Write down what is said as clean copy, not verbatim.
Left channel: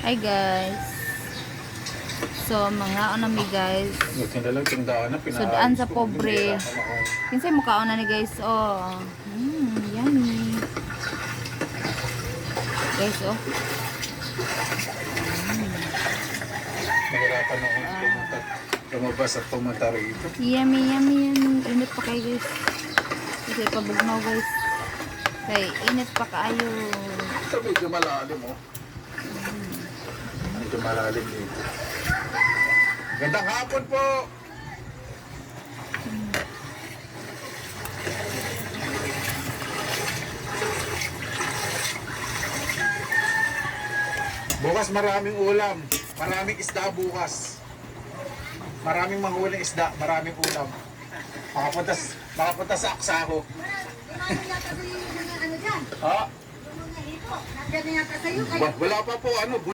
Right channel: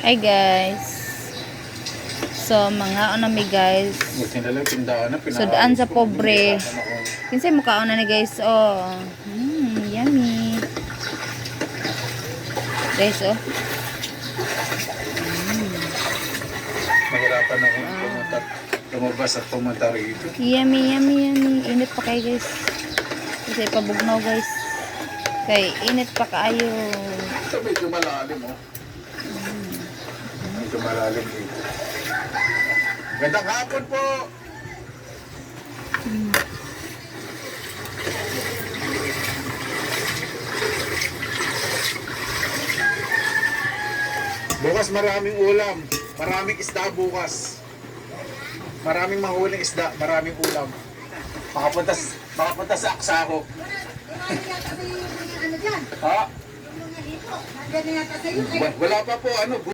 Hi guys. So mga nami guys. Sudaan sa pobre. Kinsay mo kaon na ni guys. Oh. Yummy. Guys oh. Mahirapan akong lumabas at pumunta rito. Yummy. Init pa kayo guys. Kasi pabugnaw guys. Kay init pa kayo. Ito medyo malalim oh. Medyo malalim dito. Gandang hapon po! Bukas maraming ulam. Maraming isda bukas. Maraming mahuling isda. Maraming ulam. Makapunta sa Aksahok. Ha? Wala pa po ano.